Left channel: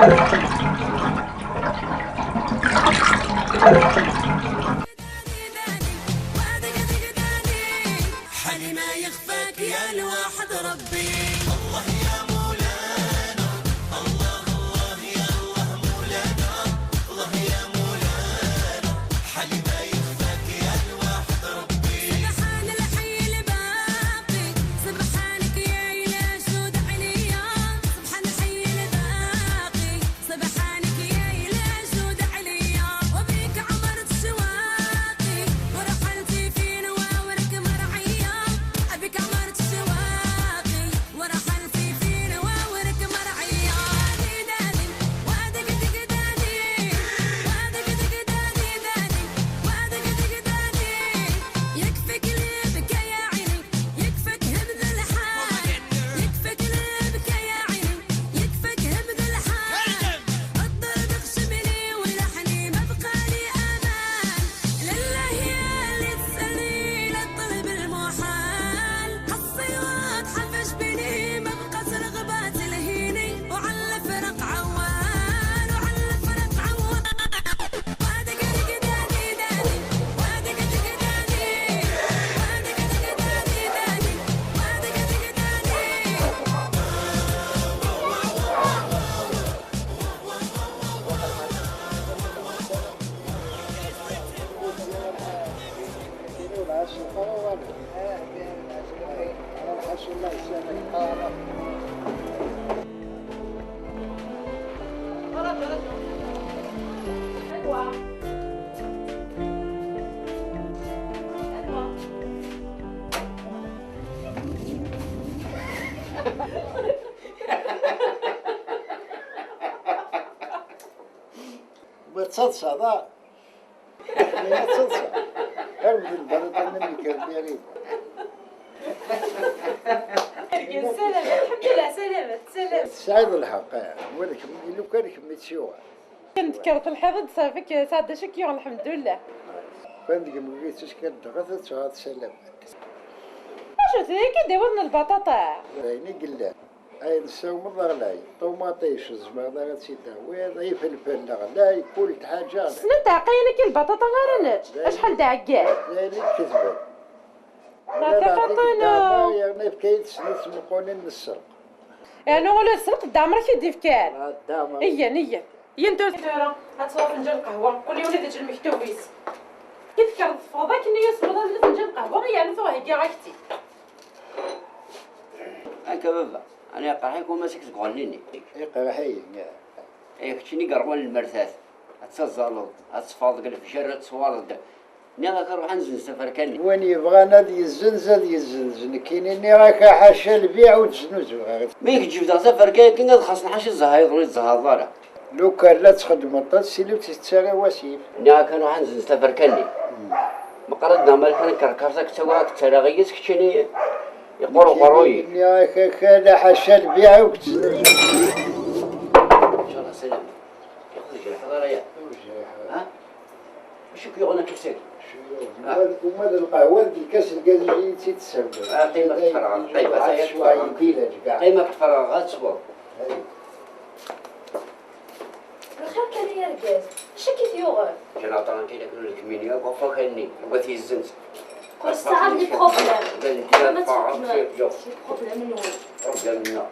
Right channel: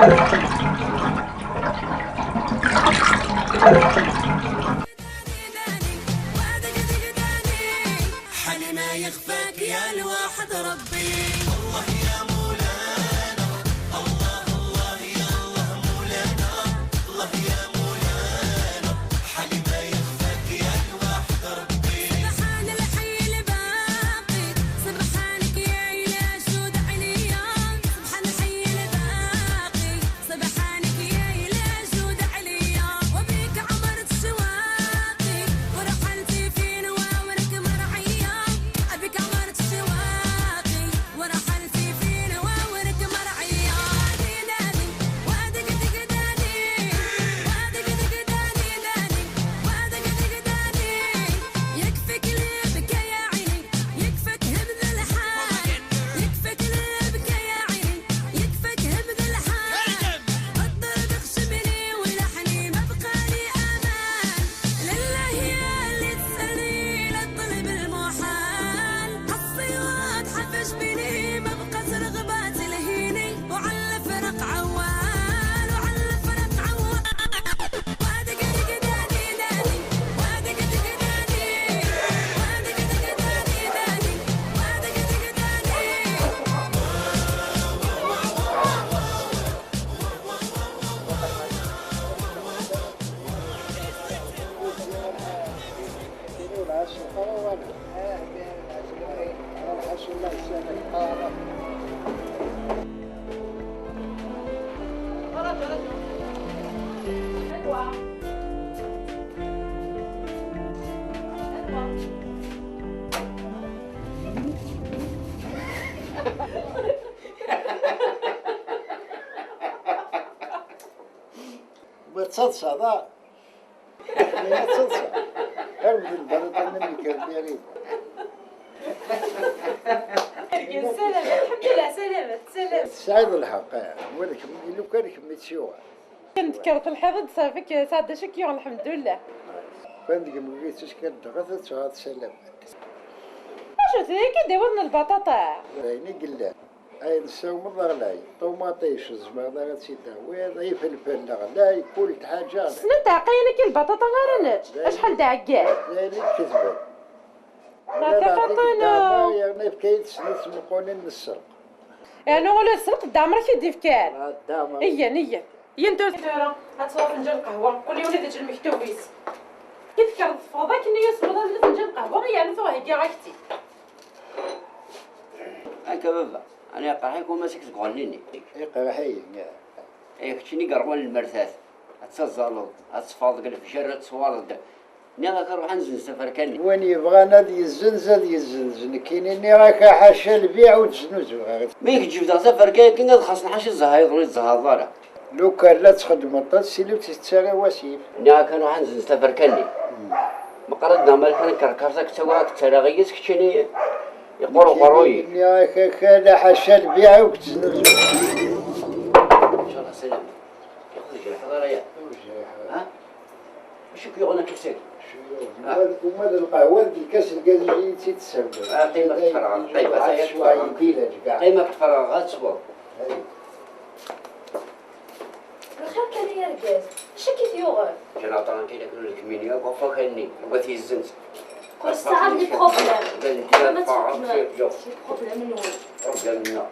حالي ما يخفاك يا الواحد ربي. بتصلصة ضاع ما تصلصة أرمي البلطة مني كرديري. سلامة الحمد لله سلامة سلامة. سعيد الحق ولكن لو كان متشوع. كنتكرت الحظ صافيك سعد شكيون الحمد لله. فندق مقيتش كدغثت وهذا سلام. شو تيجي داولنا البطاطا. يعني قلنا أي نساو مضغلاي طوماطيش الزبادة غتسيدها وهذا فلفل غلاي كل حاجة. سنت عقينك البطاطا غير اشحال دا عكاع. ذلك كذبة. لا تفطنوا. يعني في كيد سنت مقونين السرق. يعني ولا السرق دا عمرك يدي فكان. الدامة. إيا انتو هتصور فنجان قهوة كل يوم ندير المكتوبيس. كيف فضاك اني يصبر فنجان قهوة يعني ثوه هيك عكتي. هكا بابا انا قرحيك وما سكت تغنيني. قرحي. كنتيني قرقون المرثاث اتزالط اتصفاض قال في شارع تصوالد ني كنروح نزن سفر كاني وين يبغى نادي يزنزن كاينين راك حاشا البيع وتزنوز. ميك تجيب دا سفر كاين خاصنا حاشا الزهايض الزهاضره لو كان لا تخدم الطاس لو تتسارى وسيف. ني كنروح نزن سفر كاني مقردنا مالك كركرتك تواك تراغيس كتشني يقولوا قروي ني كان حاشا البيع وتزنوز. ان شاء الله سلام ياخذ جرح ضريا ها وشو كيغنى كيف ساكي وماذا القهوة دي كاس الكازوزي تتسبب. قيمة الفراغات طيبة شوية كيلاج كاع. قيمة الفراغات صبر. الخير كان يا رجال اش كيف يوغر جنا طران كاين كل الكمينيا وفا كاني بغيتي الزنت كل ساعة لي بروبليم قال ما لي فاعل تفهمش خير جو لي بروبليم من وين رجال منا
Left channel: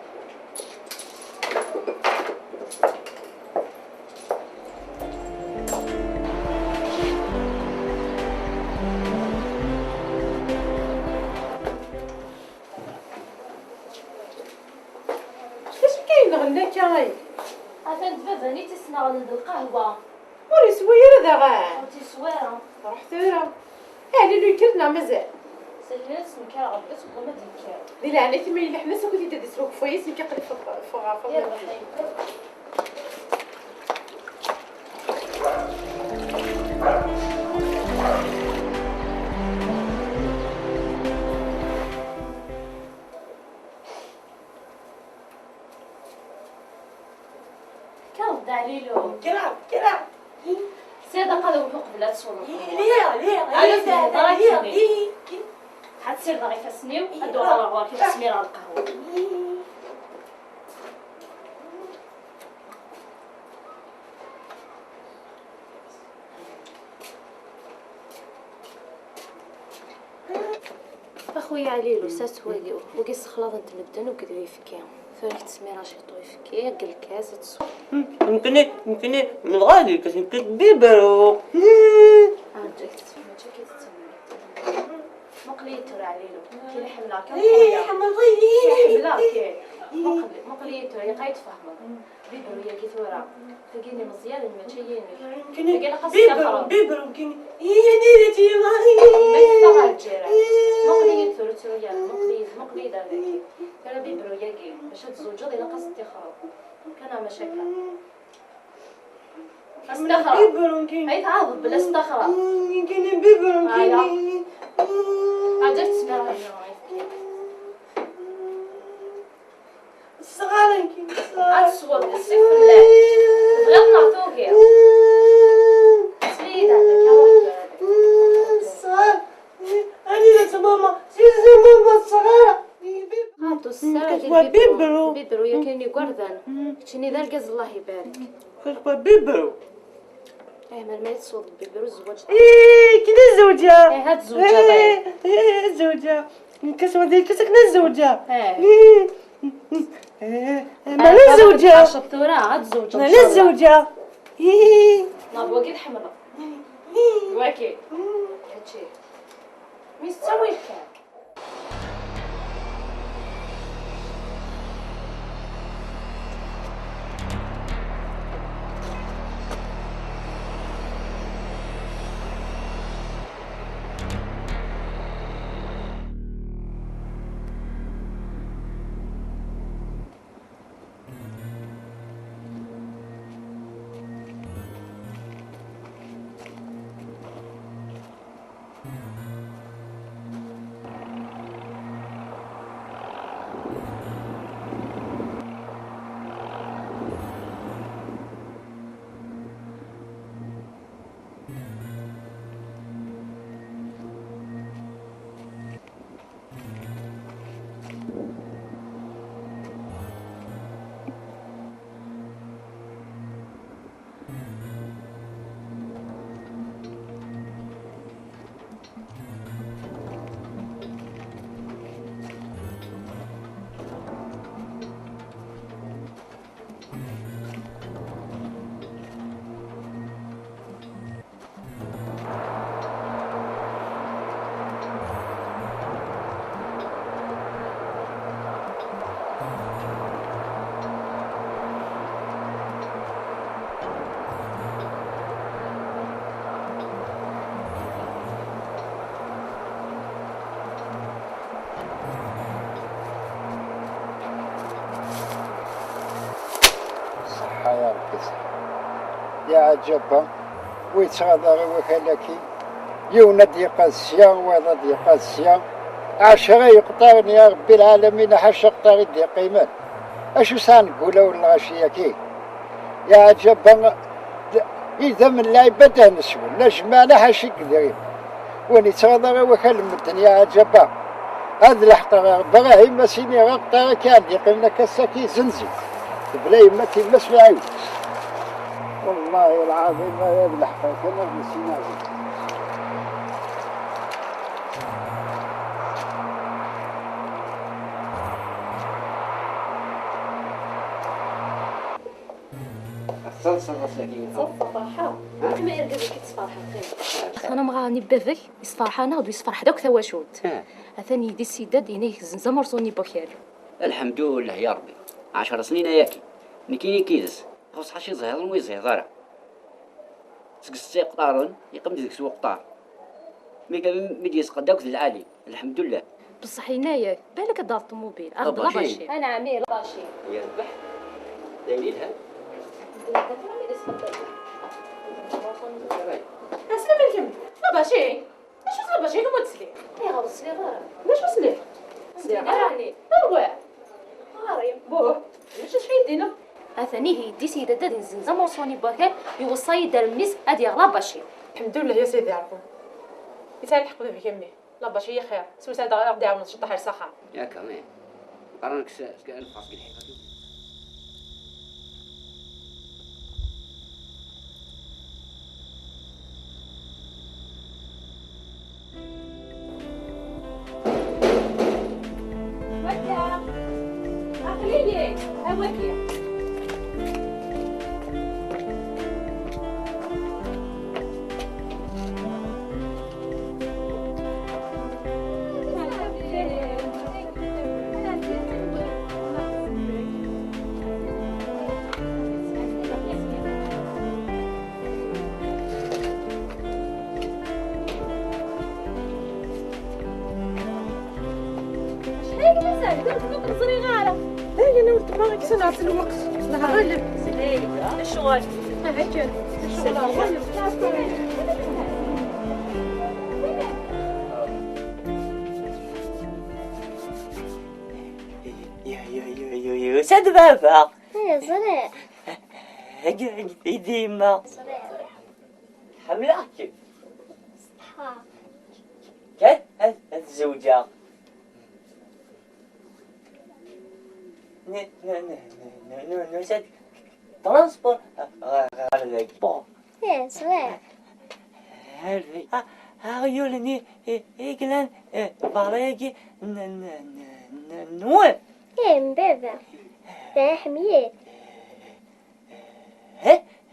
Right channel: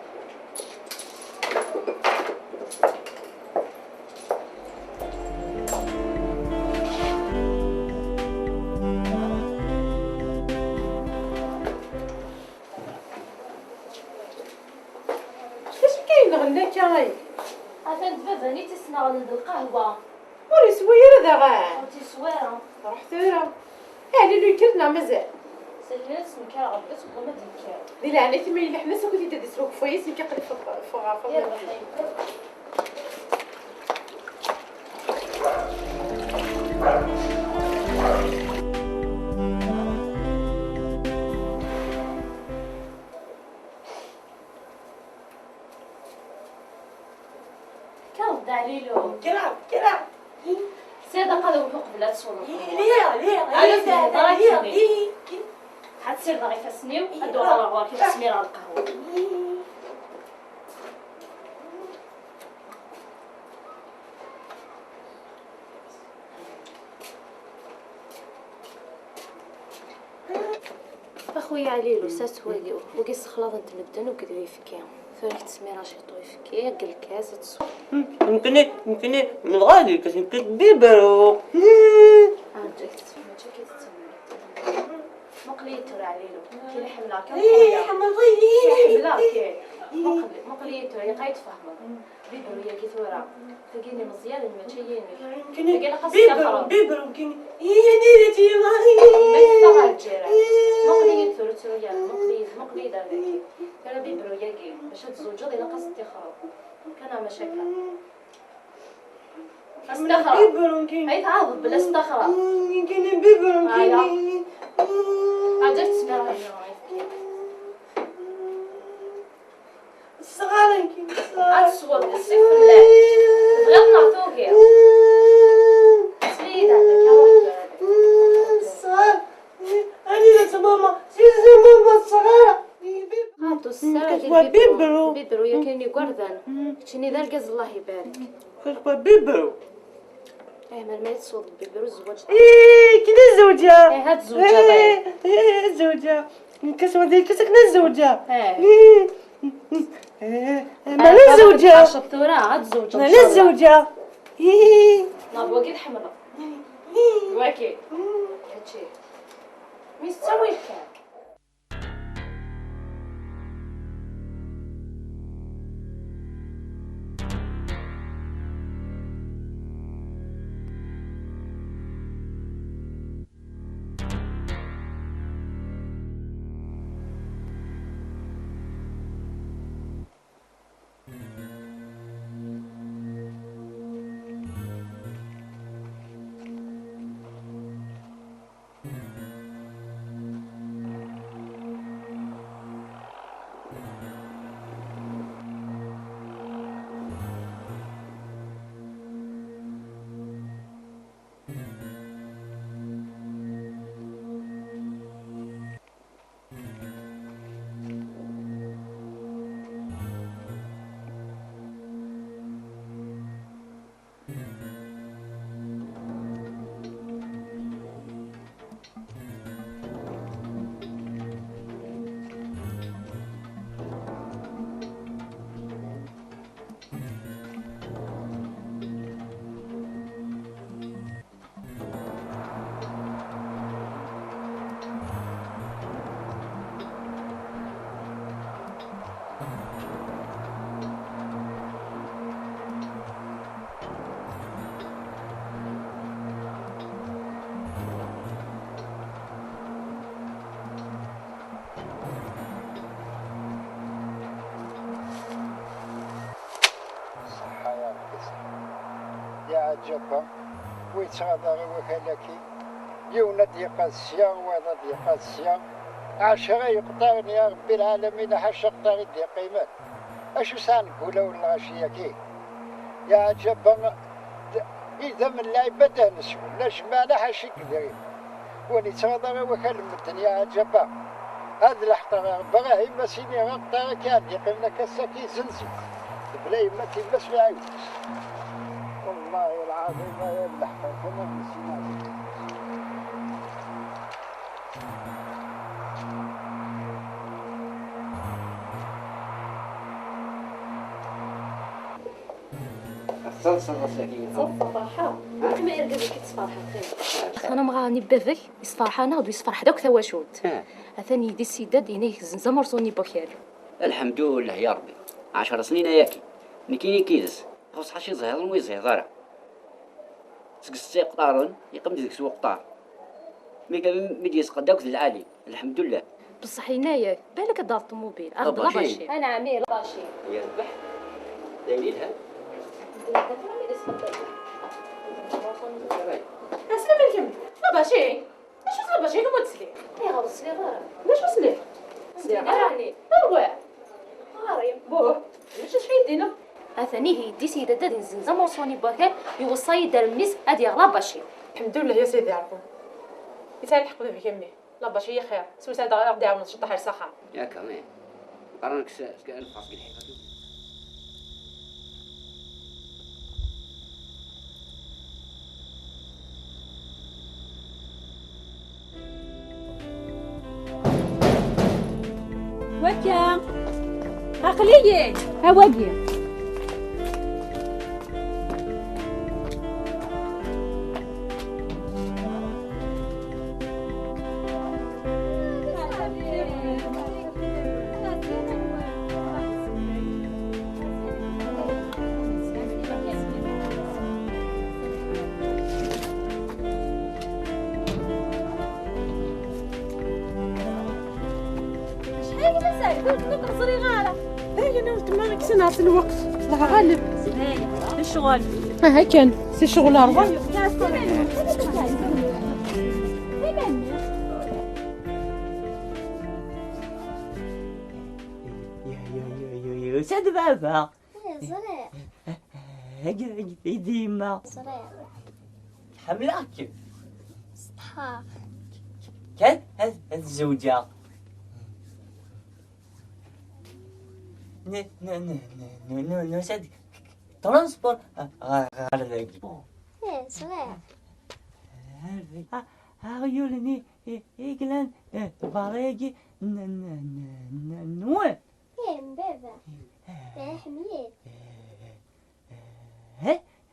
اش كاين غناك يا عفان بابا نيتي سنغلد القهوة وري سوير هذا غا عرفتي سويرة روح ثورة يعني لو كلنا مازال سلمات سمكار عبيت وما تنكار دي لعنة ثمين اللي حنا سوكو تيدا ديسروك فويس يمكن قد فغافة يا رحيم كاو عليلو كرا سيدة قالوا فوق بلا تصور ليه حتصير ضعيفة سنيو هادو على غوار كيف تسمير على القهوة شويه عليلو سات وكي سخلاط نتمدن وكدو يفكي فريك تسمي راشي طو يفكي قل كاس تصو يمكن من الغالي كاش يمكن بيبرو جاك تسمي جاك تسمي مقليتو عليلو كي الحمله كي حمله كي مقليتو يقايت فهمه بيبرو يا كي ثورة تلقيني مزيان المتشيني تلقيني خاصة بيبرو كيني نيرتي ما تستغل الجيران مقلية ثورتو يا مقلية دارك ترى بيبرو ياكي باش تزوج غادي ناقص تخرب كان مشاكل استخرب بيبرو كيني هاي تعاضد بلا استخرب كيني بيبرو كيني عجبت تسمع هاي صغار كيني أتصور السيف الله غير نعطوك يا سيدة صغار أنا ماما سيزي ماما صغيرة هاتو السارة كتبوا بيبرو. بيبرو يا كايني قردان كتشني ذا الكاز الله يبارك كتبوا بيبرو ما يتصور بيبرو الزواج كنا الزوجة هات الزوجة الزوجة كسوة ديال كسكنا الزوجة مالا الزوجة الثورة هات الزوجة مالا الزوجة نابو كي حمرا واكي هادشي ميستوي الكاك يا عجبا ويتغادر وكالكي يوند يقاسيا وضد يقاسيا عشرة يقطعني يا ربي العالمين حش يقطعني دي قيمات اشو سانقول ولا غشيكي يا عجبا اذا من العبادة نسول نجمعنا حشي كذري وني تغادر وكالمتن يا عجبا هذا الحطة براهيم مسيني غطا كان يقلنا كساكي زنزي بلا يمتي مسمع عيوز والله العظيم ما يبلح كنا نسينا صلصة ساكين صفة فرحة ما يرقد كي تصفرحة خير أنا مغاني بذك يصفرحة أنا ودو يصفرح دوك ثواشوت أثاني يدي السيداد ينيك زنزم رسوني بوكير الحمد لله يا ربي 10 سنين ياكي نكيني كيدس خص حشي زهر ويزهر ضارع سقسي قطارن يقم ديك سوق قطار مي كان ميدي يسقداك العالي الحمد لله بصح هنايا بالك دار الطوموبيل أرض غباشي أنا عمير غباشي يا ربح دايرينها اسلم الكم لا باشي اش لا باشي كم تسلي يا غير سلي غير ليش وصلي سلي غير اروع غاري بوه ليش شي يدينا أثاني هي دي سيدة دادين زنزم رسوني بوكير يوصي دار الميس هادي غلا باشي الحمد لله يا سيدي عرفو يسال الحق في كمي لا باشي خير سوسه دا غادي عاون تشطح الصحه يا كمان قرنك سكان الفاس الحقيقة عقلية هواقية. سنعرف الوقت غالب الشغل ها كان سي شغلها يا سد بابا صغير قاعد في ديما صغير حملاك صحاب كيف الزوجة نسد ترانسبور غالي صغير هايولني إيجلان باريجي نوع بابا حمية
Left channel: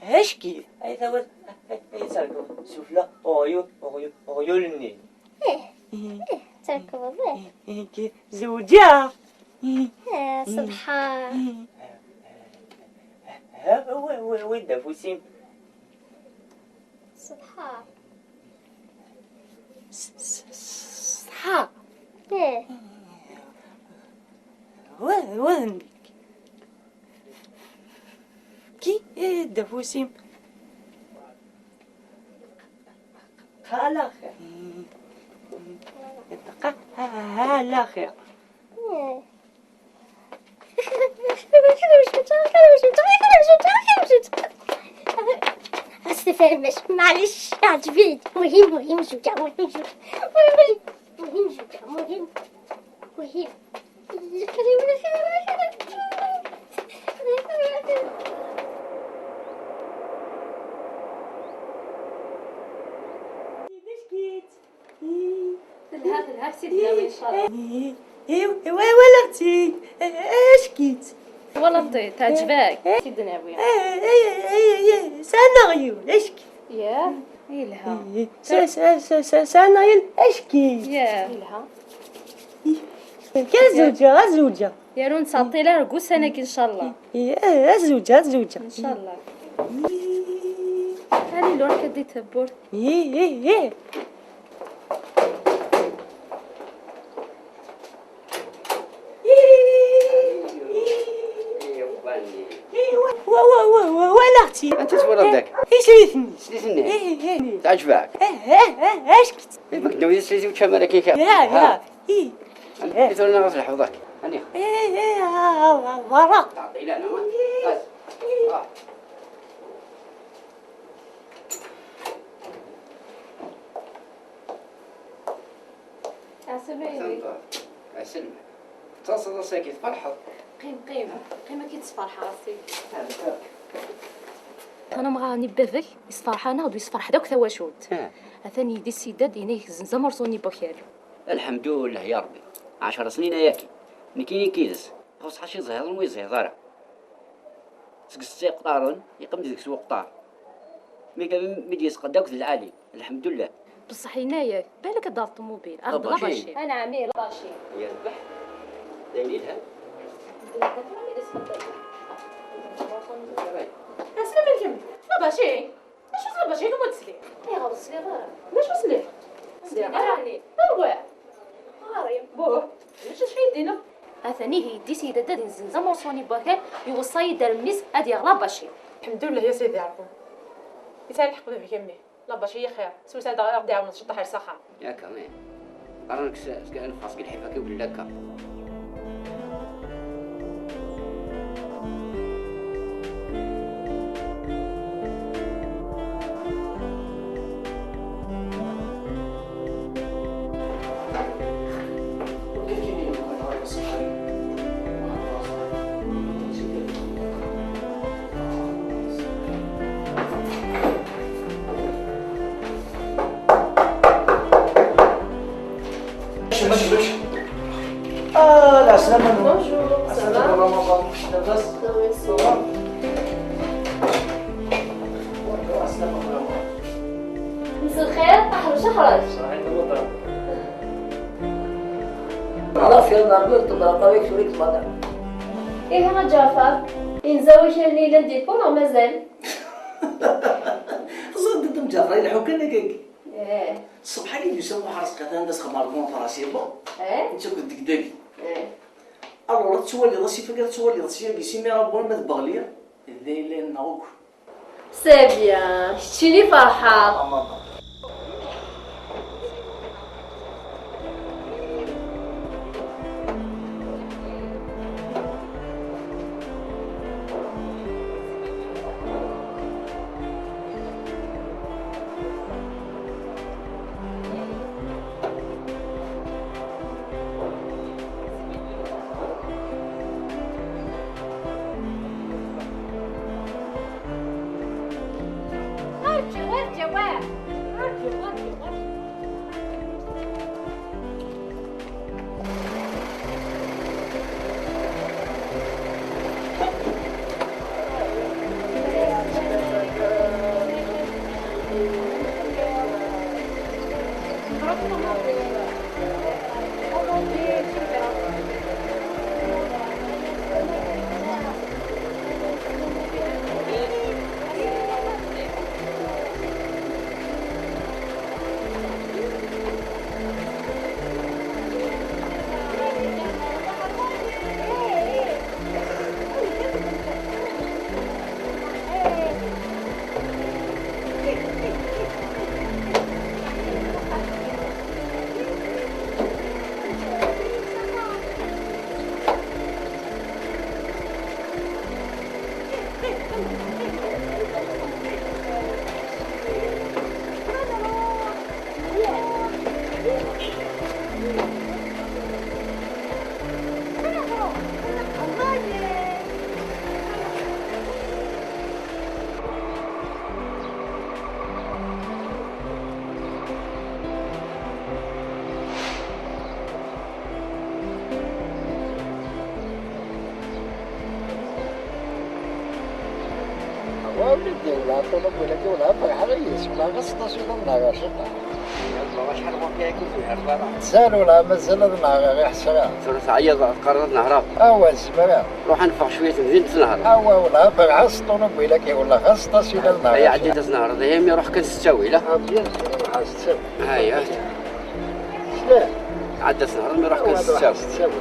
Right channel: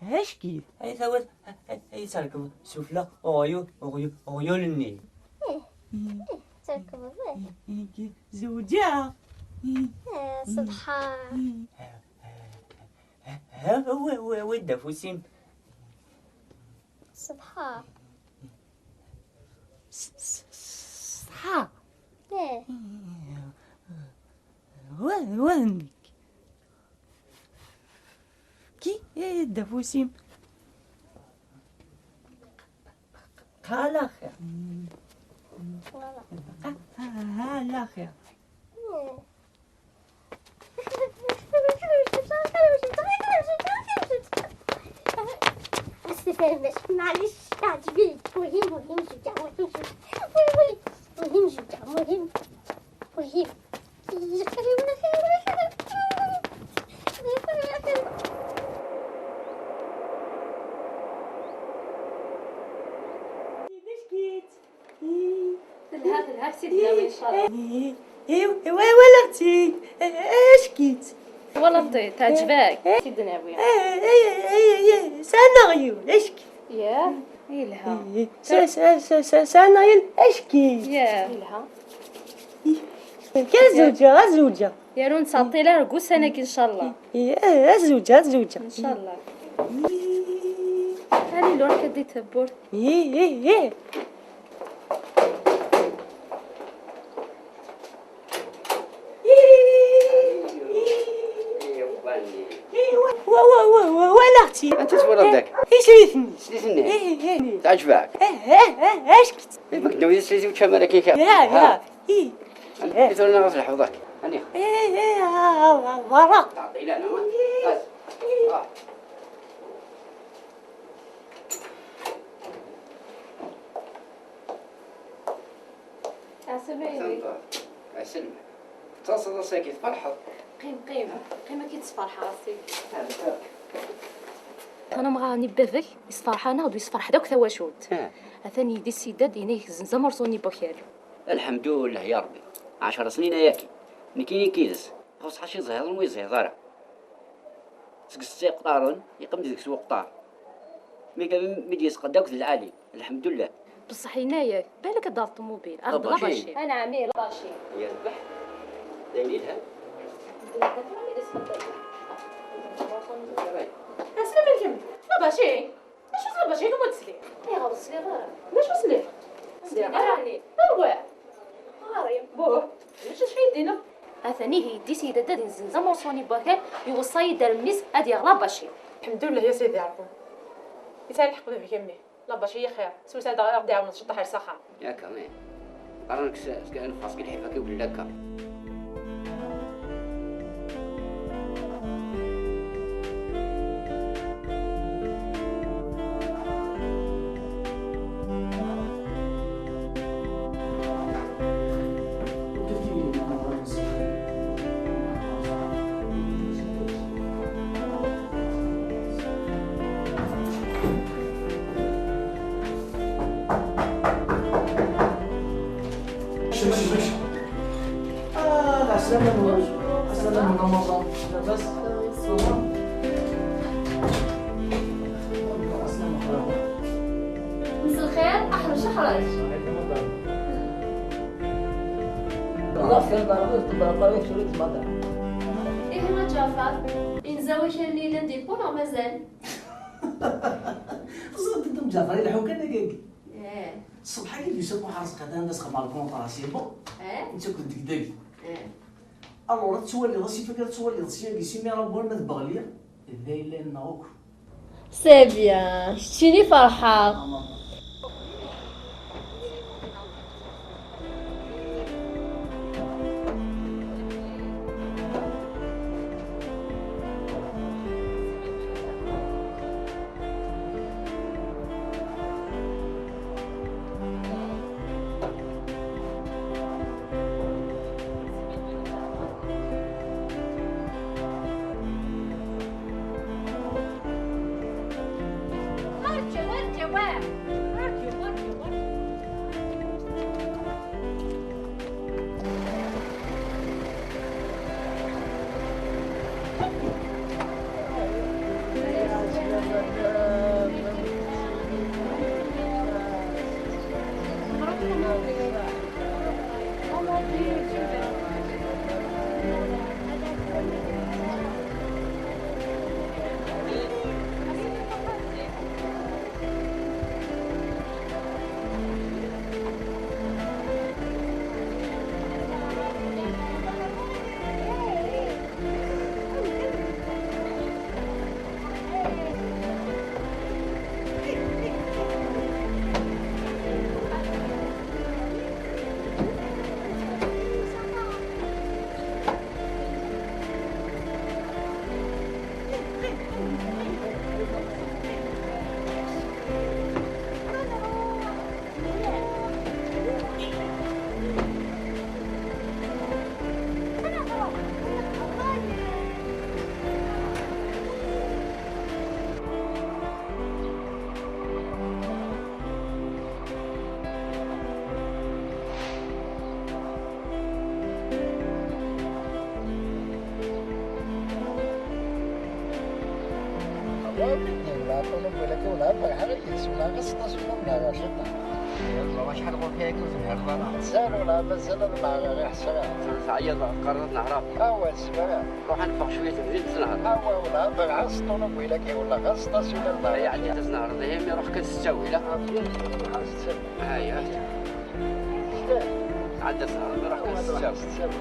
هشكي أي ثور أي سالكو سفلة أويولني تركوا بيه زوجة سبحان وين فوسيم سبحان صحاب ايه وين كي دفوسيم هالاخر هالاخر استفرمش معلش عجبين مهم شجاع مهم شجاع مهم هذا سيدنا ان شاء الله. ولدتي اشكيت والله تعجبك سيدنا ابويا. سنغيو اشكي يا يلها سنغيو اشكي يا يلها الزوجة يا رون تعطي لها رقوس انك ان شاء الله الزوجة ان شاء الله. هاني لون كدي تبور ولغتي انت تولد ذاك سليتني سليتني تعجبك اشكت يبقى دوي سليتي وتشمل كيكا يا انت ولا غسل حوضك هني ورق تعطي لنا اسلم تصل ساكت فرحة قيمة كي تصفرح راسي. انا مغاني بذك يصفرح انا ودو يصفرح دوك ثواشوت اثاني يدي السيداد ينيك زنزمر صوني بوكير. الحمد لله يا ربي 10 سنين ياكي نكيني كيدس خص حشي زهر ويزهر سكستي قطارن يقم ديك سوق قطار ميكا ميدي يسقداك العالي الحمد لله بصح هنايا بالك دار الطوموبيل اغلب باشي انا عميل باشي يا ربح دايرينها اسلم الكم لا باشي لا باشي كم تسلي يا غير صغيره ليش وصلي راني اروح هاري بوه ليش شي يدينا اثاني هي دي سيده دادين زنزمر صوني بوكير يوصي دار الميس هادي اغلب باشي. الحمد لله يا سيدي عرفو يسال الحق في كمي لا باشي خير سوسه دا غادي عاون تشطح على صحه يا كمان قرنك سكان فاسك الحفاكي ولا لك رمضان لاباس؟ مساء الخير، أحرج أحرج. خلاص يلا نطلب طريق شريك مدام. إيه يا جعفر؟ إنزاوي الليلة نديكم ولا مازال؟ صدق مجافر يلحقوا كنا كيك. إيه. الصبح كي يسموا حرس قتان الناس خماركم طراسيبو. إيه. انت كنت دقدقي. إيه. الله تسولي راسي فكرة تسولي راسي بيسي مي ربون ما تبغليا. ذيلين ناوك. سي بيان، شتيني فرحة. سالوا لا مازال نهار غير حسرة. ثلث عيا قررت نهرب. أوا الزمرة. روح نفع شوية نزيد نهار. أوا ولا بالعصط ونبيلك ولا خاصة سيلا النهار. هي عديت نهار هي مي روح كنستوي لا. هاي عدت نهار مي روح كنستوي.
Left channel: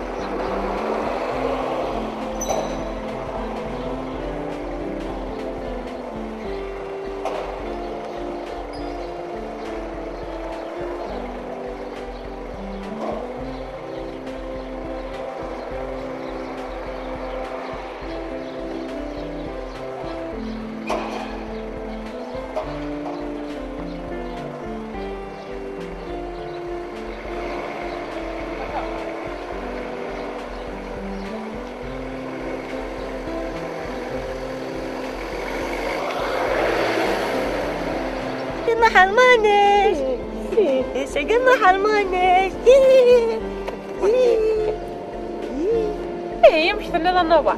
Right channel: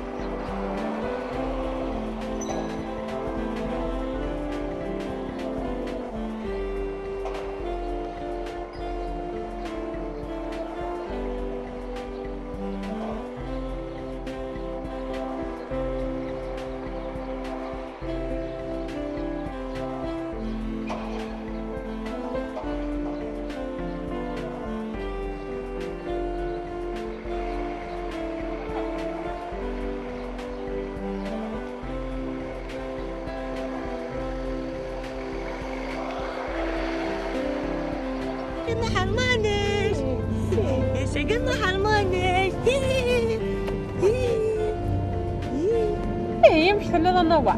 ما حرماناش شكل ما حرماناش يمشي لنا النوع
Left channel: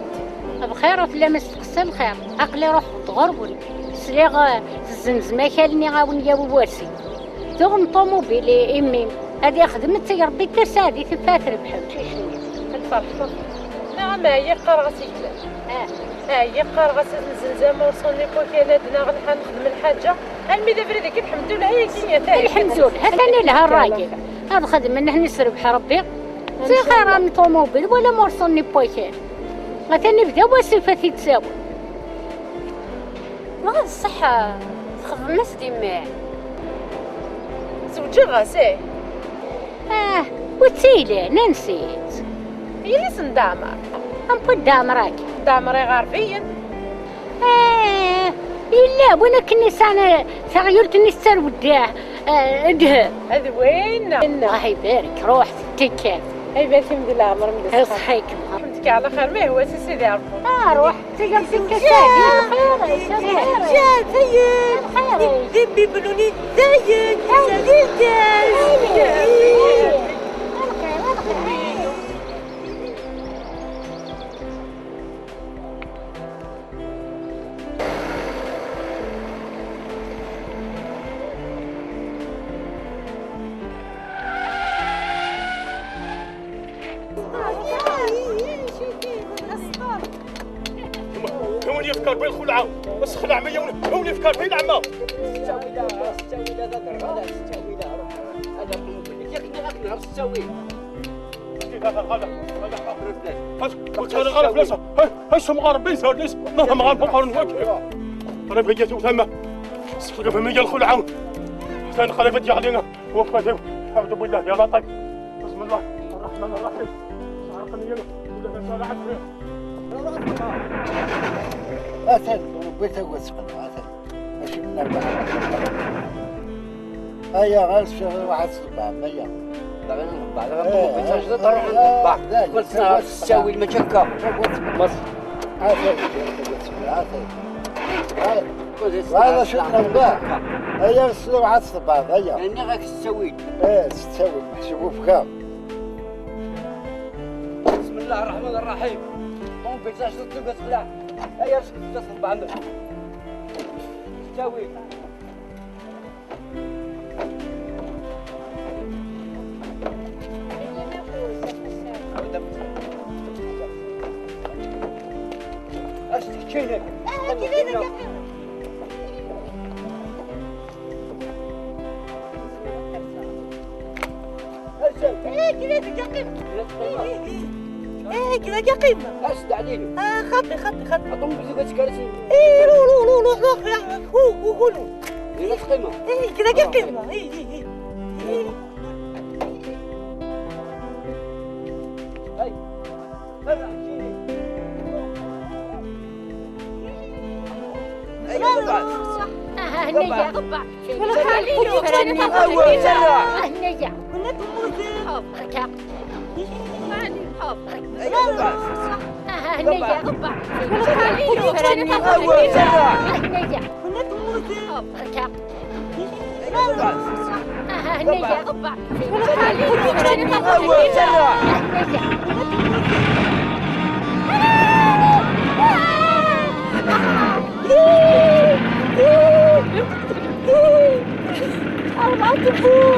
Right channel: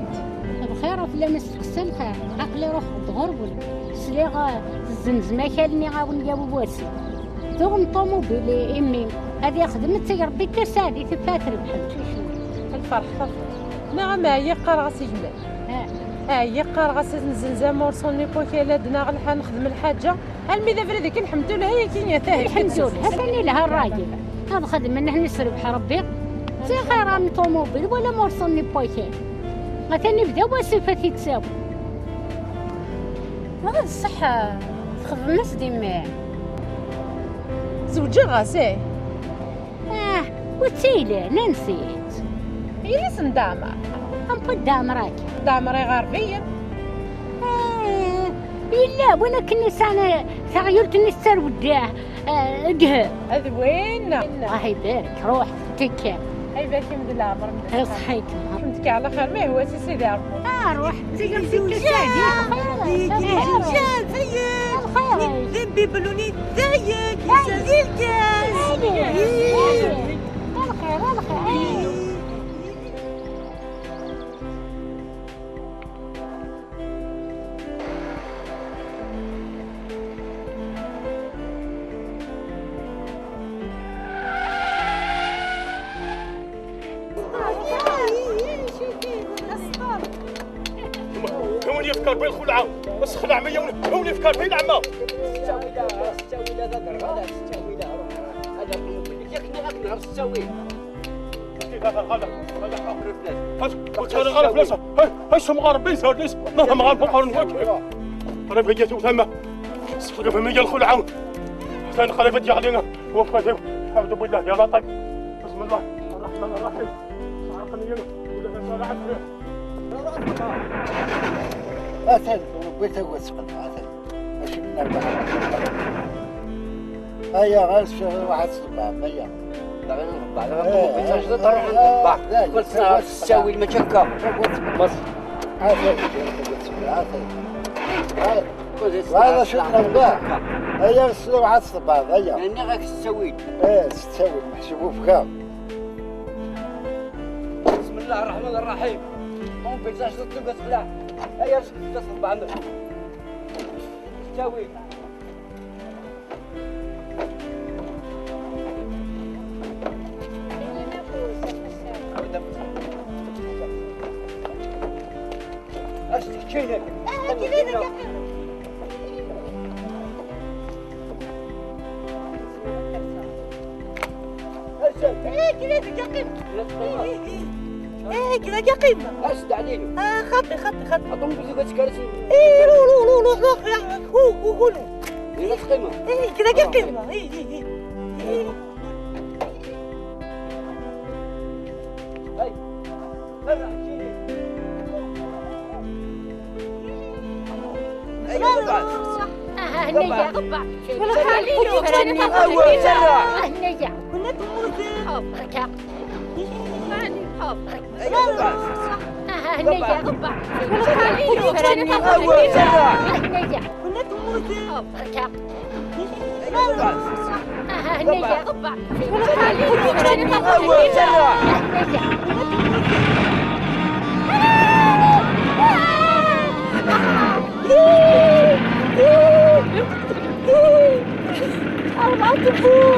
بخير وفي مستقسم الخير عقلي روح تغربل سليغ الزمزمة كالني غاون جاوب واسي تغن طوموبيلي امي هادي خدمت ربي تسادي في الفاتر بحال الفرحة نعم هي قرعسي هي قرعسي الزنزانة ورسوني بوكيلادنا غنحا نخدم الحاجة الميدا فريدك الحمد لله هي كينيا تاعي الحمد لله لها الراجل هذا خدمة نحن نسربح ربي زي خيران طوموبيل ولا مرسوني بوكيل غتاني بدا وصفتي تساوي ما غاد الصحة خدم الناس ديما زوجة غاسيه وتسيلي لا نسيت هي نسن دامر نقول دامراك دامري غاربين إلا ولكن نسان تغيرت النسان وداه ادهر هذا وين الله يبارك روح في التكات اي بيتي مقلا عمر مقلا صحيك فهمتك على خير ما هو سيدي عبد روح تقدر في التكات جات هيا ذبي بلوني زيك ولي يفكر بالخلعه بس خلع مية ولي يفكر فين عمه ستاوي لا ذا درغاله ستاوي لا هذا ياك نهار ستاوي هذا اخر البلاد قلت انا غالب فلاسه هاش مغاربين صار ليش ما مغارب قارن واكل انا بقيت وثمه صفر في مية الخلعه حسين خليفه ديالنا وفاته الحمد لله يا لطيف بسم الله الرحمن الرحيم عرقني ولا صالحت أثل بيته وسقط أثل ماشي من أربعة هيا غير واحد صباع مية لا غير نطبع لا غير بيتاش تروح نطبع قلت نهار تساوي المشكة بس أثل هذا شو نباه هيا السلو واحد صباع هيا يعني غاك تساوي ايه تساوي محسوبه فكام بسم الله الرحمن الرحيم مو بيتاش تطلق سلاح هيا تصل بعندك تساوي اشتكينك كذا قيمة. أشد عليه. خطي. أطم بزوجة كرسي. لو هو. نفس قيمة. كذا قيمة. هاي. هذا حكيني. هنيا قبع هنيا كنا تموتي حفرك هنيا قبع هنيا كنا تموتي حفرك هنيا قبع لا تفوق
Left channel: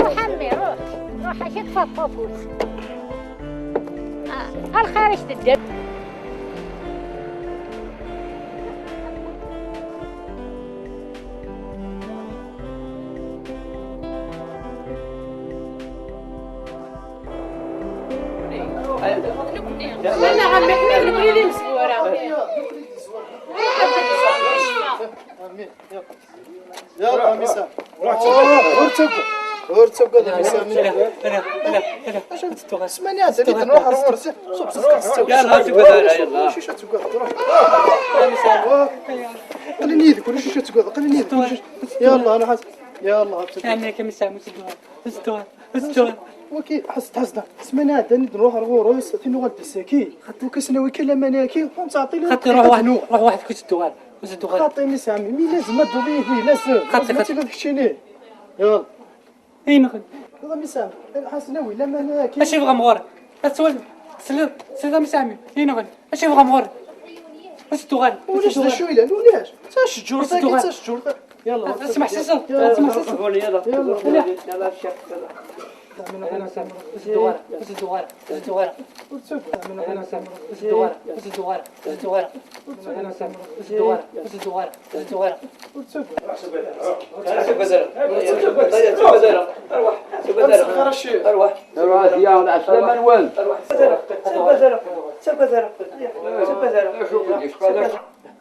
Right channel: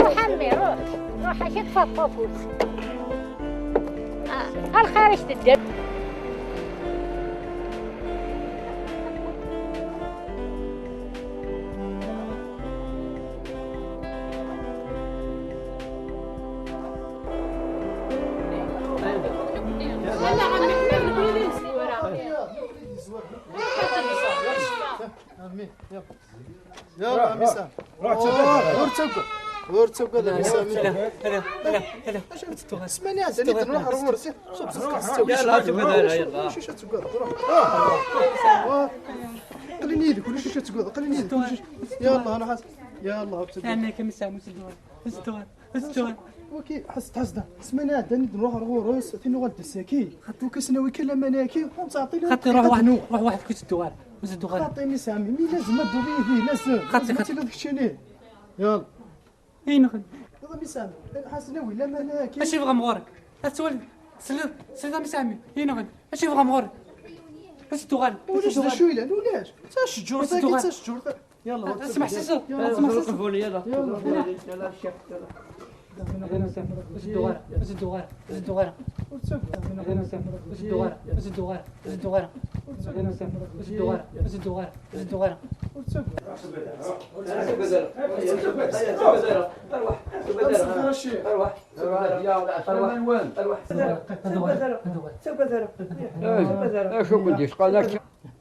روح امي روح اشد فوفوس الخارج تدب انا عمي احنا الوليدين مسكوره يلا مسام ورتبقى اش تتوغا سمانيا زيد نروح ورسي يلا تبقى يلا شيشه تقعد قليل يدك ولا شيشه تقعد قليل يدك يلا انا حاسس يلا انا كمسام استوى وكي حس سمانيا دني نروح ورس ثاني غلب الساكي حتى كسناوي كلا مناكي وتعطي لي خاطر روح واحد كنت تدوغال خاطي مسامي مي لازم تضيف لي لازم خاطي تكشيني يلا اي نخد يلا مسامي حسناوي لا مناكي اش يبغى مغور تسول سلام مسامي اي نخد اش يبغى مغور اش تدوغال ولاش ذا شويه ولاش تا شجور تا شجور يلا اسمع سيسو يلا أروح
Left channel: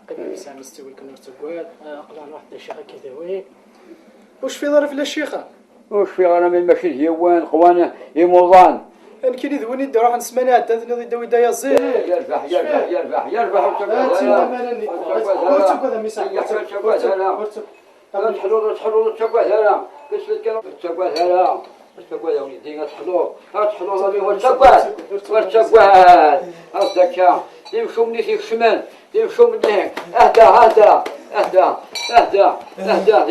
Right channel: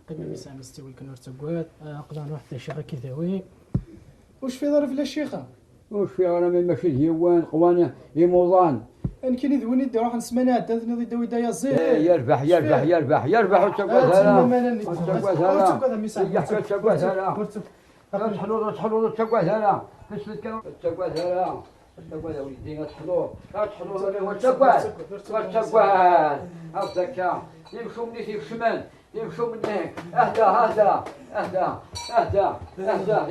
قبل ما يسعى مستوي كنور تقواد قضان واحد الشيخة كذاوي واش في ظرف لا الشيخة؟ واش في انا من ماشي الهيوان قوانا يموضان انا كي ندوني دي روح نسمعنا تنذني ضد دوي دايا زين يربح يربح يربح يربح تحلو تقعد هنا تقعد هنا تقعد يا وليدي تحلو ضمي وتقعد هكا يمشوا مني في الشمال يمشوا مني اهدى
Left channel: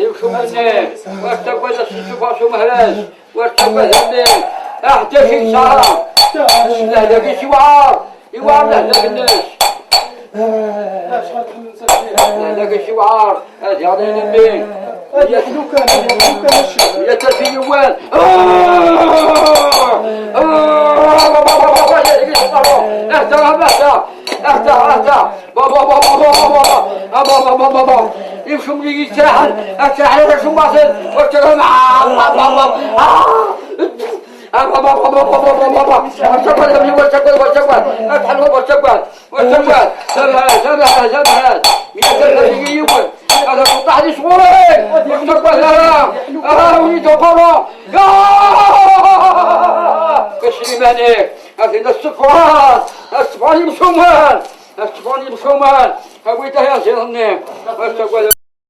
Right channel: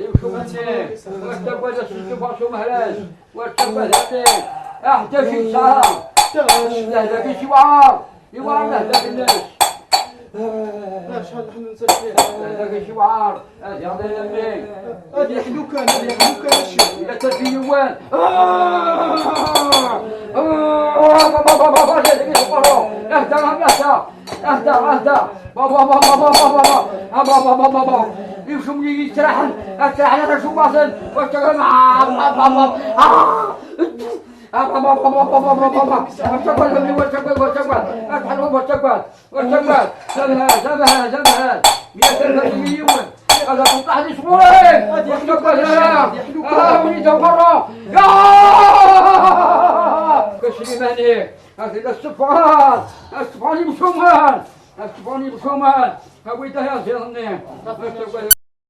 يمشوا مني وتقعد الشفاش ومهراج وتقعد هني اهدى في ساعة اهدى في شوار يوار لهدى الناس هذاك شوار هذه عطينا منين يحلو كان يا ترفي يوان اهدى بابا يمشوا مني يتراحل على شو باطل واشتغل مع هذا قطع لي شغورين واشتغل هنا وليد برا كشري مانيك هذا الصفوان يمشوا مان هاويته يا زيرني